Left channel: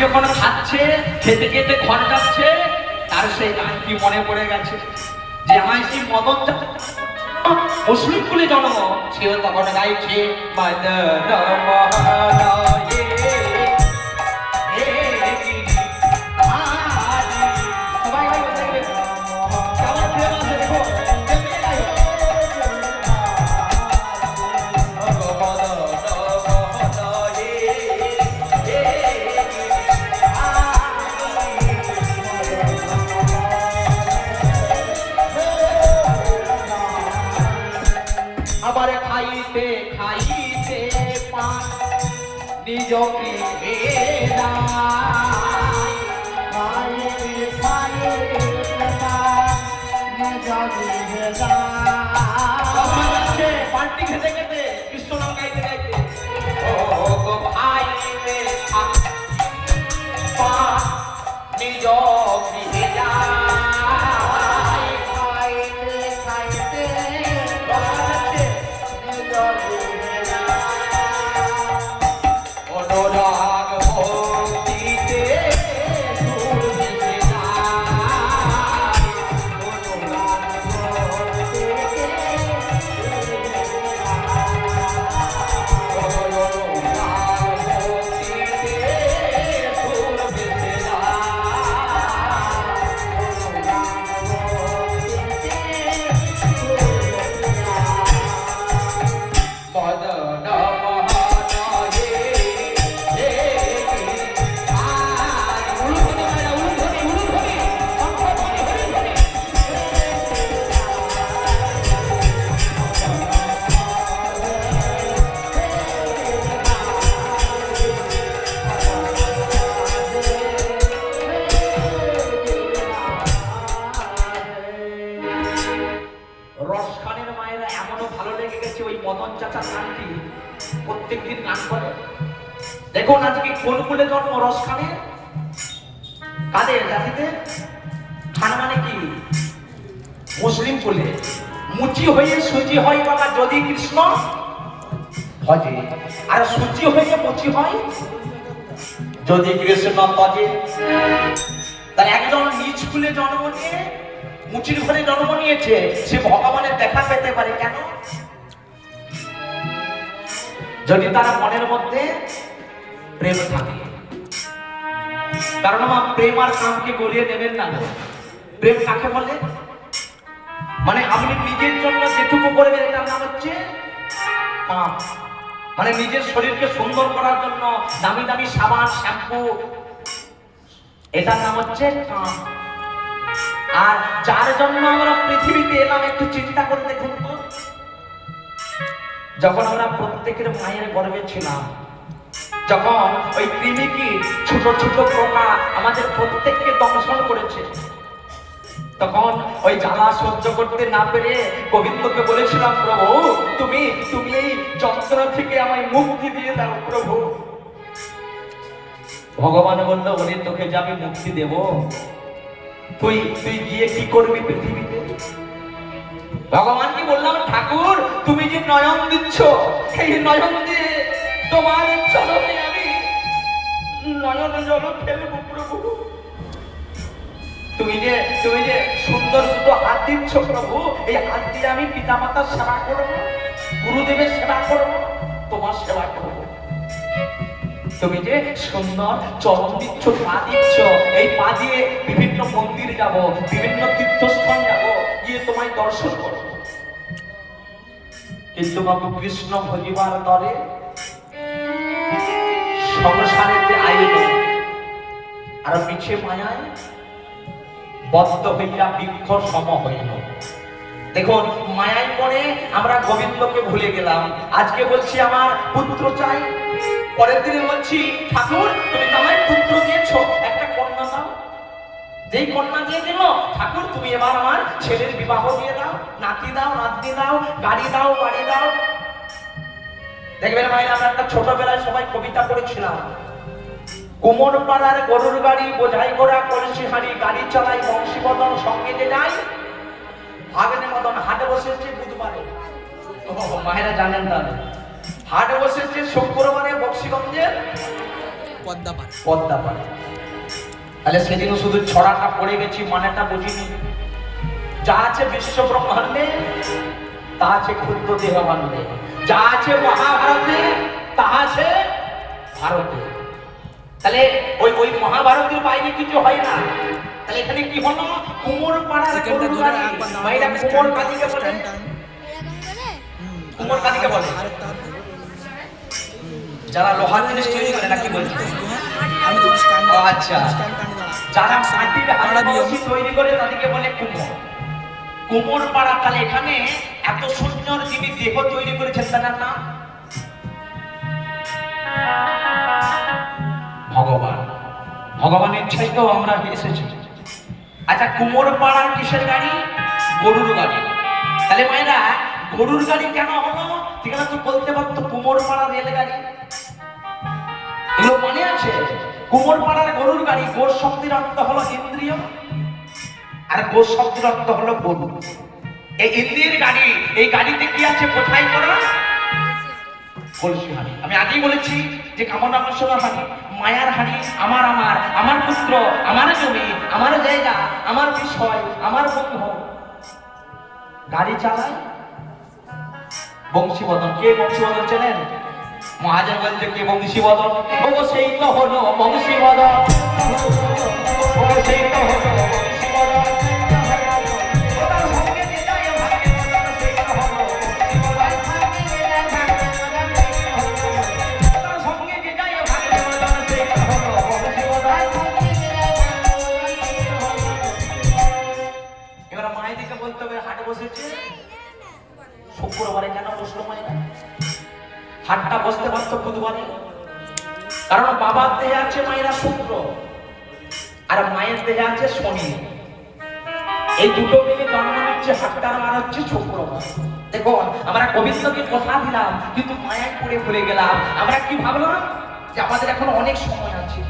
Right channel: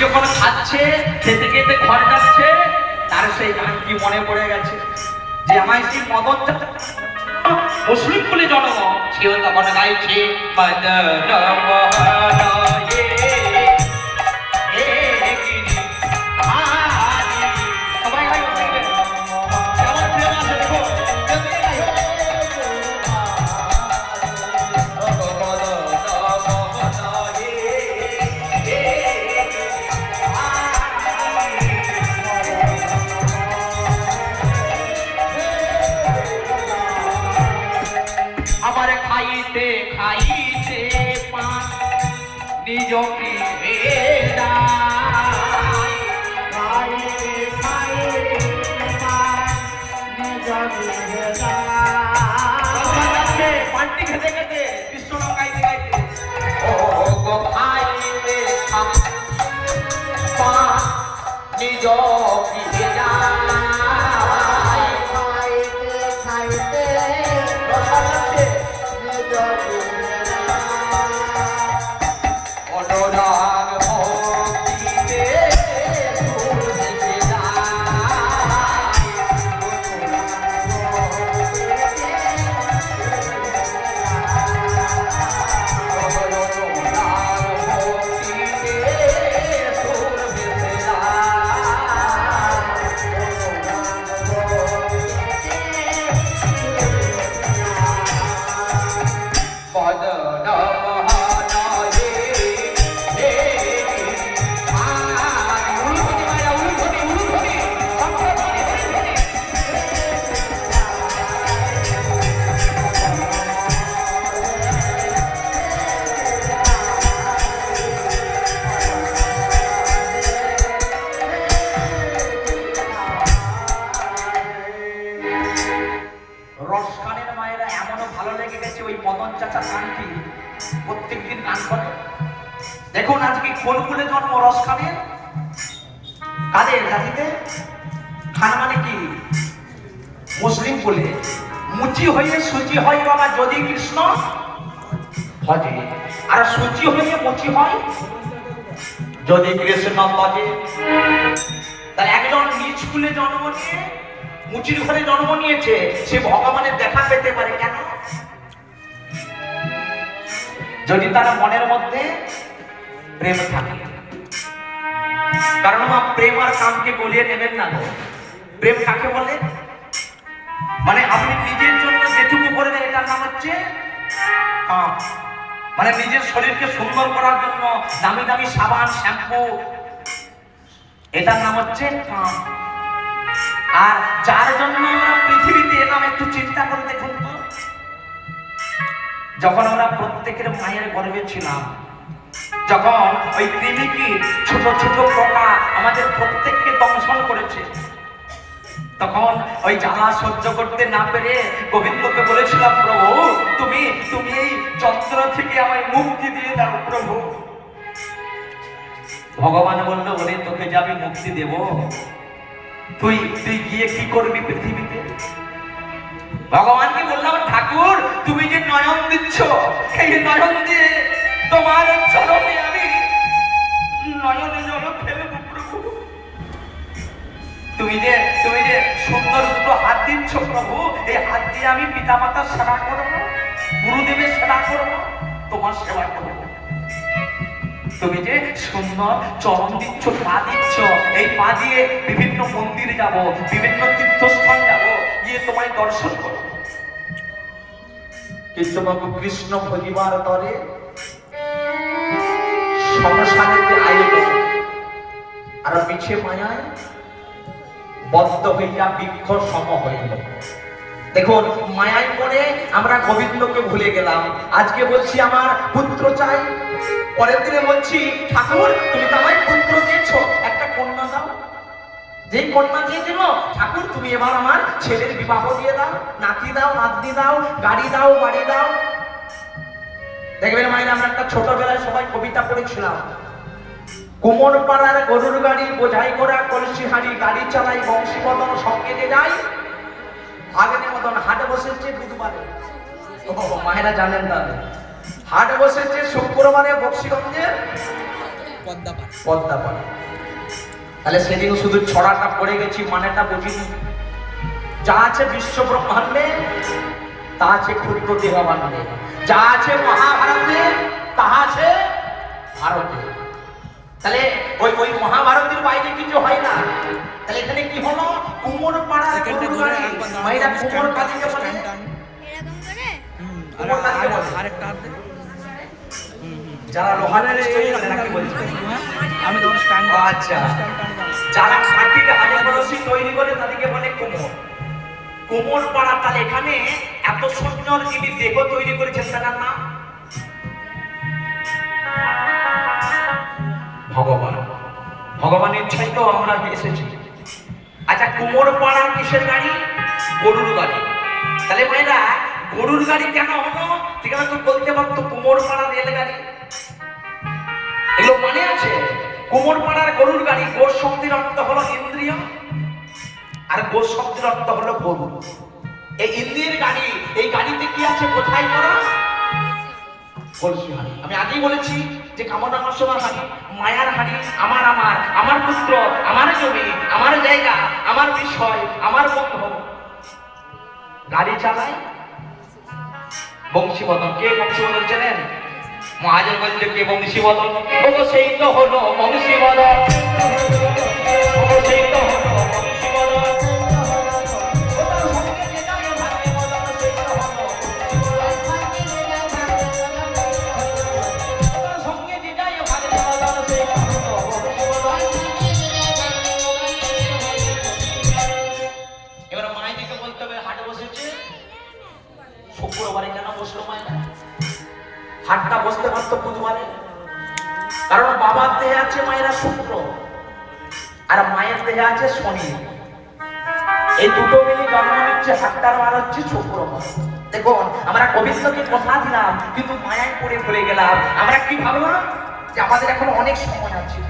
যখন খাচ্ছে, খেতে খেতে ঘর যাচ্ছে, তার সেই গান কি মনে পড়ে গেছে যে আমায় সেই মদন মুসলিম বলে জন্ম, সেও তখন গাইছে খাইতে খাইতে পান নিজ পীরেরা, খাইতে খাইতে পান নিজ পীরেরা, পানটি খেতে খেতে কৃষ্ণ গাইতে গাইতে ও গো খাইতে পান নিজ পীরেরা, রসখানের মায়েরা এমনও ভালো লেগে গেছে ওই মদন চাচার গানটি প্রত্যেকদিন গান করে। দেখুন আজকে কোন কুলে জন্ম রসখানের, কাদের জাতিতে? খান মানে কি? মুসলিম কুলে। মুচি হয়ে সুচি হয় বাবা যদি কৃষ্ণ ভজে, আর সুচি হয়ে মুচি হয় যদি কৃষ্ণ ভজে। তাই একজন নিজ কুলে জন্ম নিয়ে মুচির ঘরে জন্ম নিয়েছে, সে ভগবানের দেখা পেতে পারে কেন? যদি তার মনের মধ্যে প্রেম থাকে। কারণ মা প্রেম আর কামকে গলিয়ে নেবেন না। প্রেম কাকে বলে? মানে আপনি নিজের জন্য যেটুকু করবেন এটার নাম হচ্ছে কাম। মানে নিজের শরীরকে সুন্দর করার জন্য দামি দামি সাবান শ্যাম্পু, এটার নাম হচ্ছে কাম। আর যার জন্য আমরা পৃথিবীতে এলাম একটু চিন্তা করে দেখুন তো, যখন আমরা প্রত্যেকের মায়ের গর্ভে ছিলাম, যখন ওই কৃমিকীট ছোট ছোট পোকা আমাদের প্রত্যেককে দংশন করেছে, তখন ওই জ্বালা সহ্য করতে না পেরে গোবিন্দকে বলেছিলাম, প্রভু তুমি তুমি এই যন্ত্রণা থেকে আমায় মুক্তি দিয়ে দাও প্রভু। ভগবান বলল, বলে তোকে যে আমি মুক্তি দেব, তুই তুই গিয়ে কি করবি পৃথিবীতে? ভগবানকে বললাম, ঠাকুর তুমি যে নয়ন দিচ্ছ, এই নয়ন দিয়ে তোমার চরণে আমি নয়নে জল ফেলব প্রভু। তুমি যে সুন্দর দুটো হাত দিচ্ছ প্রভু, এই হাত দিয়ে আমি পিতা মাতার সেবা করব, গুরুদেবের সেবা করব, তোমার সেবা করব। তুমি যে সুন্দর চরণ দিচ্ছ, পা দিচ্ছ, এই পা দিয়ে বিভিন্ন মন্দিরে যাব, বিভিন্ন তীর্থস্থান যাব, গিয়ে তোমায় দর্শন করব। কিন্তু বাবু কৃষ্ণ ভজিবার তরে সংসারের যে আয়োজন আর পিছে মায়ায় বদ্ধ হইয়া বৃক্ষ সম হইল। দেখুন মায়ায় পড়ে আমরা গোবিন্দকে ভুলে গেলাম। আজকে বলছি আমার পুত্র চাই, পরের দিনে বলছি ঠাকুর তুমি তো আমায় পুত্র দিয়েছো, একটা কন্যা দাও। যেই কন্যা দিয়ে দিল, ঠাকুর তুমি এবার আমার ছেলের বিবাহ দিয়ে দাও, নাতি দাও, নাতনি দাও, গাড়ি দাও, বাড়ি দাও। দেখবেন মায়ের আমরা একটা ছোটবেলায় সবাই কবিতা পড়েছিলাম, কুমোর পাড়ার গরুর গাড়ি বোঝাই করা কলসি হাড়ি, গাড়ি চালাই বংশীবদন সঙ্গে যে যায়, ভাগনে মদন হাটে বসেছে বুধবারে। মায়েরা জানেন তাহলে হাটে বসেছে শুক্রবারে বক্সিগঞ্জে পদ্মা পাড়া। তাহলে সেদিন শুধু ছড়াটা পড়ে গেছি, মানেটা বুঝিনি। যা আছে বিশ্ব ব্রহ্মাণ্ডে তা আছে ক্ষুদ্র দেহভাণ্ডে, যা আছে মহাভারতে তা আছে ভারতে। তাহলে ওই মহাভারতের বাইরে কিছু হয় না। তাহলে এখানে কি হলো? কুমোর পাড়ার গরুরগাড়ি, ভাইরা কুমোর কালীকে বলে, কুমোর কালীকে বলে। যারা লোহার জিনিস তৈরি করে নাকি বলছে, আমি তো স্ট্যান্ড। আচ্ছা, যারা মাটির হাড়ি তৈরি করে তাদেরকে বলে কুমোর। কুমোর পাড়া। তাহলে এখানে এত সুন্দর যিনি দেহ তৈরি করেছেন তার নাম ভগবান। ভগবানের ছেলেও আমরা এসেছি। আচ্ছা, কুমোর পাড়ার কিসের গাড়ি? গরুর গাড়ি। তাহলে মায়েরা গরুর গাড়ি কেন হলো? সেখানে তো বলতে পারতো কুমোর পাড়া রেলগাড়ি। এগুলো মনে আছে? কুমোর পাড়ার গরুর গাড়ি। গোর শব্দের অর্থ হলো ইন্দ্রিয়, আর গোর শব্দের অর্থ হলো গরু। এই ইন্দ্রিয়ের গাড়ি, এই গাড়িতে কি আছে? কোথায় করা? কলসি হাঁড়ি। আমি আগেই বলেছি যে কামনা বাসনার হাঁড়ি, মায়ার হাঁড়ি, আমার পুত্র, আমার জমি, আমার জায়গা, আমার বিষয়, আমার বন্ধু। গাড়ি চালায় বংশীবদন। কে বংশীবদন চেনেন? মহাজন বলছে কে বংশীবদন? ও সেই তো হলো বংশীবদন, ও সেই তো হলো বংশীবদন। এবার মায়েদিকে বলতে হবে হাটে বসেছে শুক্রবারে, কেন বসলো মায়েরা? হাটটা বসতে পারতো বুধবারে, কারণ বাবার দেহে আছে মায়েরা শুক্র, আর মায়ের দেহে আছে শনি। এই দুটো মিলে জন্ম নিচ্ছে হাটটার, আর হচ্ছে শুক্রবার। দেখুন, আমরা গোবিন্দকে কথা দিলাম কিন্তু মায়ায় পড়ে ভুলে গেলাম। আমরা কি ভাবলাম যে আমাদের এখন অনেক সময় আছে,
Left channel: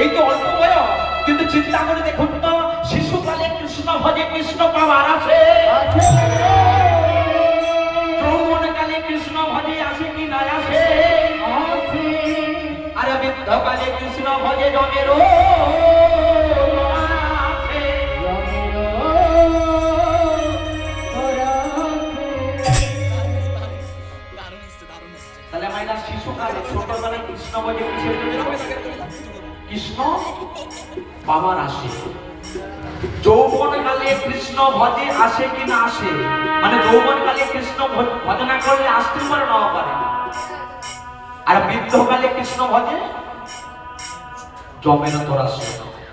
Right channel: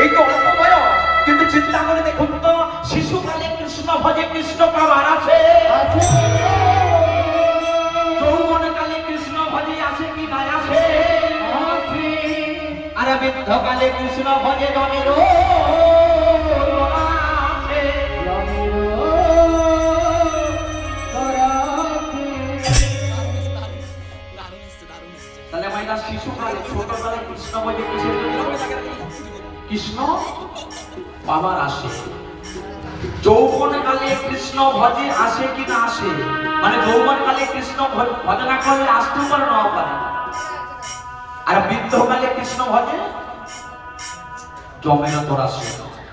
এই তো অল্প বয়স, কিন্তু চিন্তা করে দেখুন তো, শিশুকালে কৃষ্ণ ভজে কৃষ্ণ পাওয়ার আছে, যৌবনকালে কৃষ্ণ ভজে আসে কি না আসে, আর বৃদ্ধকালে কৃষ্ণ ভজে জমের তাহলে মাইনা শিশুকালে ছোটবেলায় কৃষ্ণ ভজে কিসের জন্য? কৃষ্ণ বাবার আসে। যৌবনকালে কৃষ্ণ ভজে আসে কি না আসে, মানে যৌবনকালে কৃষ্ণ ভজনা করলে আসতে পারে নাও পারে, আর বৃদ্ধকালে কৃষ্ণ ভজে জমের তোর আসে।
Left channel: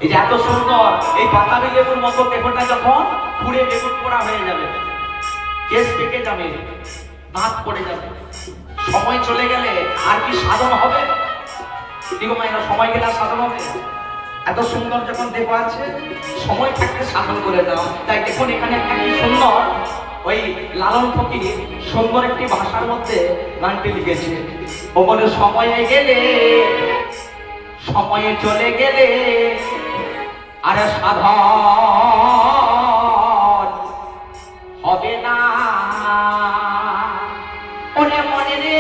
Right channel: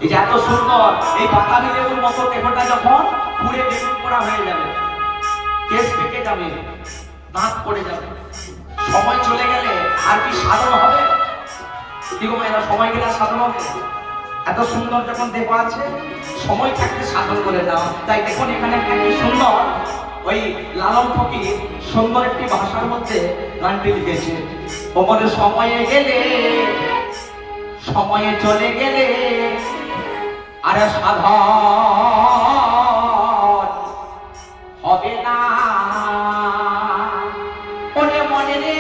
এই যে এত সুন্দর এই বাতাবি লেবুর মতো দেহটা যখন পুড়ে বেগুন পোড়া হয়ে যাবে, কেস পেকে যাবে, নাক পড়ে যাবে, সময় চলে গেলে আর কি সাধন হবে? দিগো মায়েরা, সময় গেলে আর সাধন হবে? এত সুন্দর যখন দেহ আছে, সময় থাকতে সাধন করে দাও। তাই দেখুন এখানে একটা কি সুন্দর, ওই লালন ফকির সুন্দর একটি ভাষার মধ্যে গানটি লিখেছে। ও বলে সময়ে গেলে, সময়ে চলে গেলে আর সাধন হবে না। ওরে মনে রে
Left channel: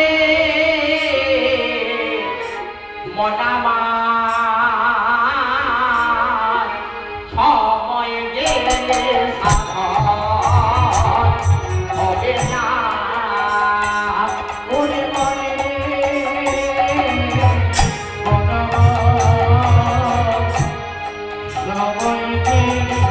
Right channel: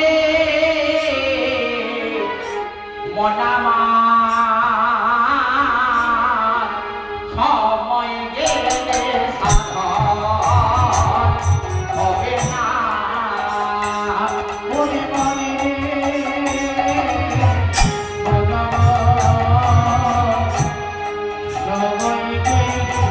মনামা, সময় গেলে সাধন হবে না। ওরে মনে রে মনামা, সময় গেলে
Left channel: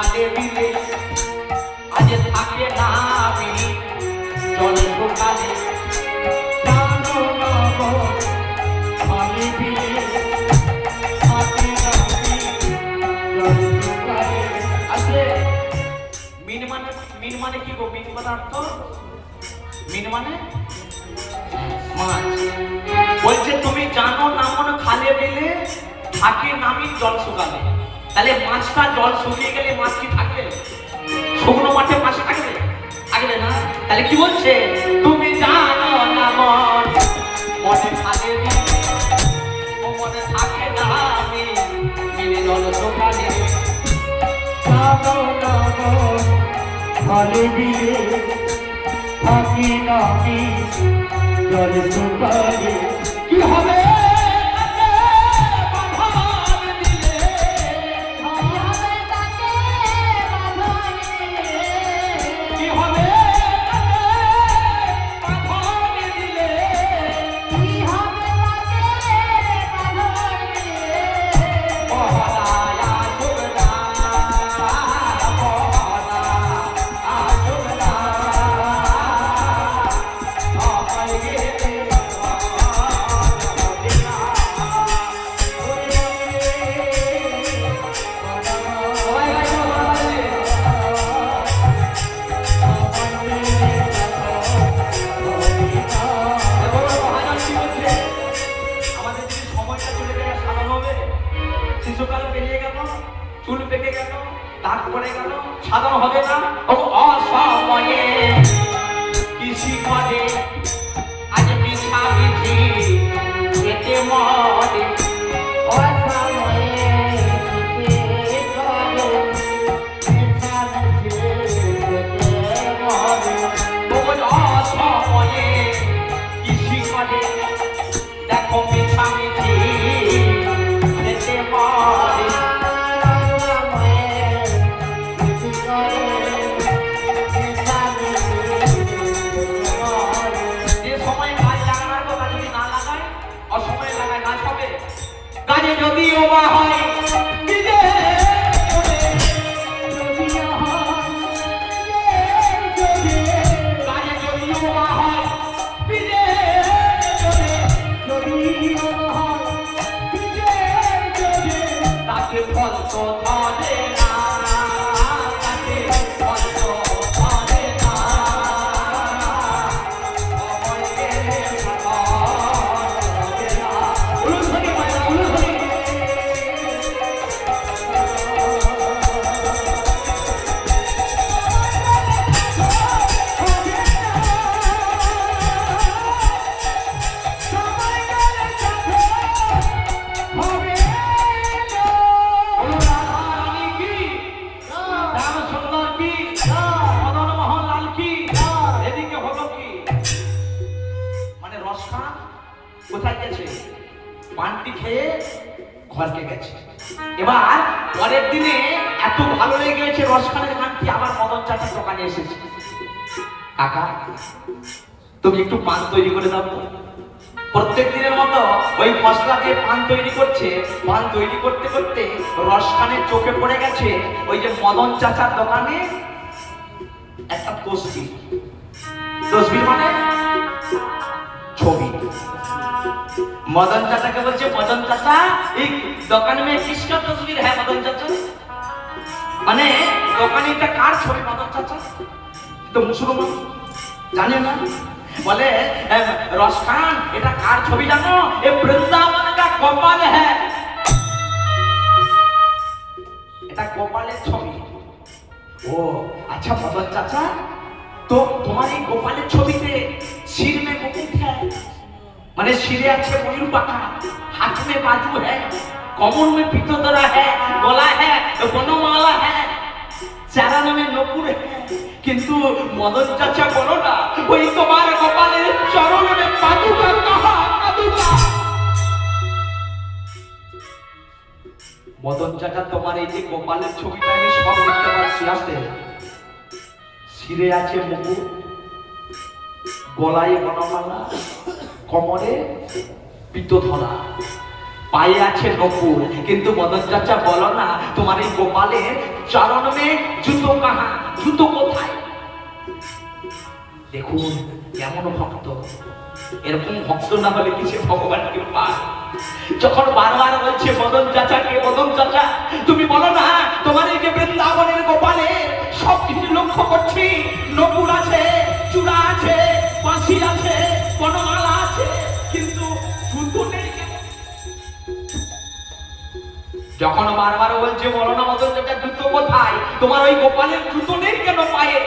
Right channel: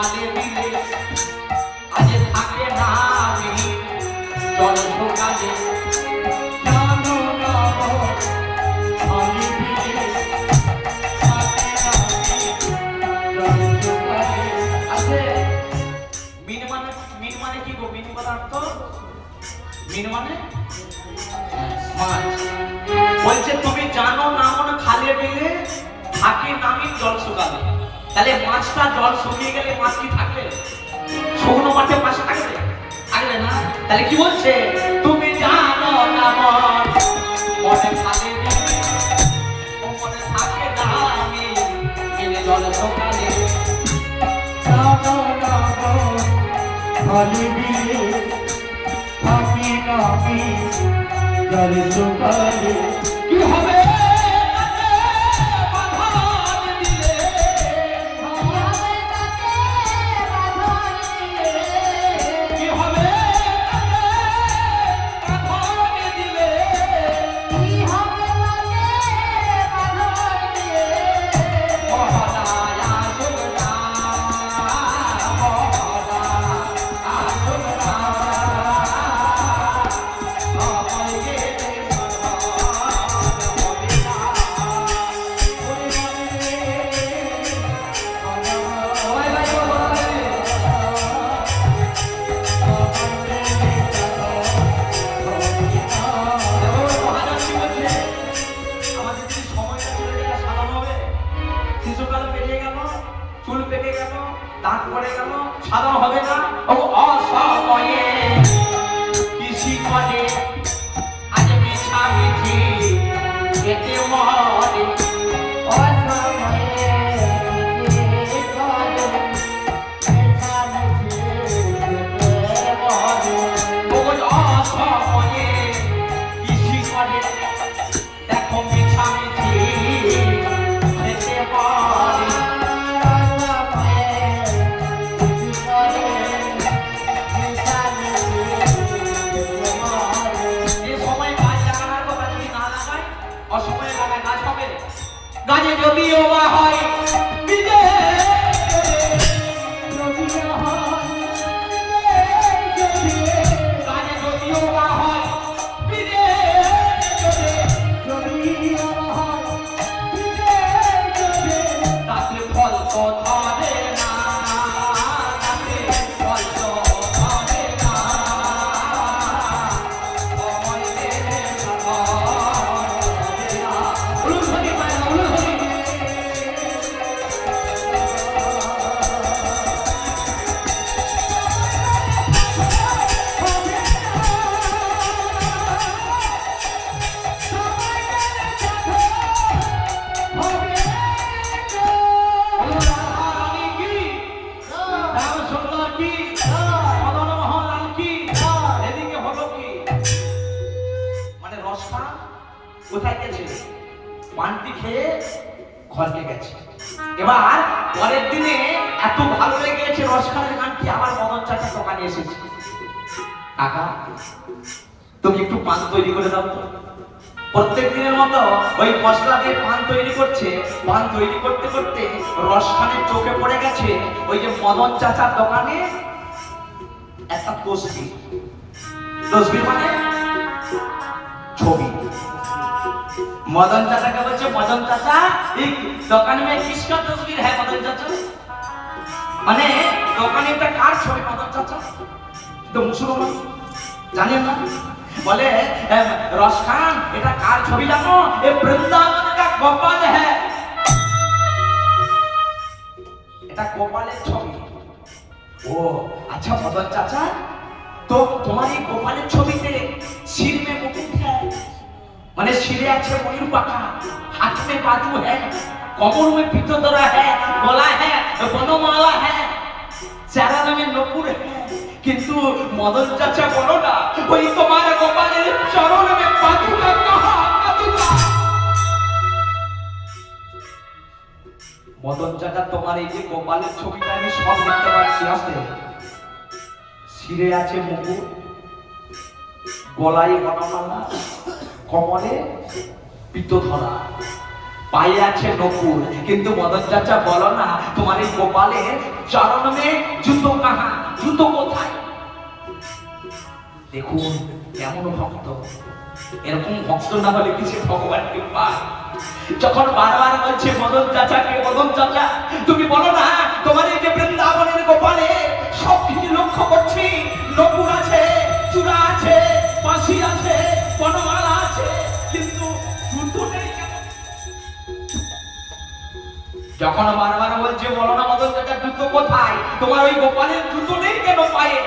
খালে বিলে আজ থাকে না আমি জল সকালে জানো না গো খালে বিলে থাকে না আমি জল সকালে। আছে মিন মানে কি গো? মিন পদার্থ, মিন মানে মাছ। বলছে তুমি জানো না মনে খালে বিলে থাকে নামি জল শুকালে। তাহলে মাছটা জল শুকিয়ে গেলে মাছ কি থাকবে? শুকনো মাঠে মাছ থাকবে? থাকবে না। তাহলে কি বলছে? তুমি জানো না মনে খালে বিলে ও মনে থাকে নামি বিলে জল শুকালে। জানো না খালে বিলে থাকে নামি জল শুকালে। কি হবে? চুল পেকে গেল, দাগ পড়ে গেল, সাদা হবে না। অসময়ে কৃষি করে আজ মিছা মিঠি এতে মরে। অসময়ে কৃষি করে দেখো মিছা মিঠি এতে মরে। গাছে যদিও বা হয় বিদে গাছে যদিও বা হয় বিদে তাকে ফল তো ধরে না, তাকে ফল তো ধরে না। কোথায় গেছে? পানটি খেয়ে ঘরকে গেছে। এবার পরের দিনে এত ভালো লেগেছে রসখানের গানটি, আবার মদন চাচার দোকানে এসেছে। কাকা তুমি একটু পান তৈরি করে দাও। প্রত্যেক দিনের মতো ওই মশলা দিয়ে পান তৈরি করছে। পান তৈরি করতে করতে রসখানের চোখে পড়ে গেছে ওই যে মদন চাচার দোকানে একটা তসবির। তসবির মানে ছবি। मदन चाचा का बच्चे मदन चाचा एक दुकान में किसका तस्वीर है? मदन चाचा माने दुकान একটা কার ছবি? মদন চাচা তো মুসলমান জানেন না? বলে রসখান এটা কার ছবি জানো? এ বৃন্দাবন का গোপাল है। এটা গোপালের ছবি। ও আচ্ছা মদন চাচা, তো তোমার এই গোপালের ছবিতে सिर में मुकुट है, माने सिरे अच्छे मयूर पाखा, हाथ में बाजू है, कमर में पीतोदरा है, गला है, बनमाला है, चरण में नपुर है। किंतु मदन चाचा बोलो ना वही तुम्हारे गोपालेर चरण में पादुका कहाँ? पादुका मदन चाचा तुम्हारे এই যে গোপালের ছবিটা আমি সব দেখতে পাচ্ছি। আসতে সিরে আছে মুকুট, গলায় বনমালা, কমরে পিত্তধরা, পায়ে আছে নকুল, কিন্তু মদন চাচা বলো না তোমার এই গোপালের চরণে জুতো কাহা, জুতো কোথায়? দেখুন কেমন ভক্ত, এরকম ভক্ত না হলে কিছু ভগবানকে পায়। যখন বারবার বলছে মদন চাচাকে, মদন চাচা তুমি বলো না তোমার এই যে বৃন্দাবনের গোপালে সব কিছু লক্ষ্য করছি, নকুল আছে, চূড়া আছে, বাঁশি আছে, বনমালা আছে, কিন্তু জুতো নেই কেন? যখন বারবার বলছে বলো না মদন চাচা জুতো কোথায়, তোমার ওই গোপালের জুতো নেই কেন পায়ে?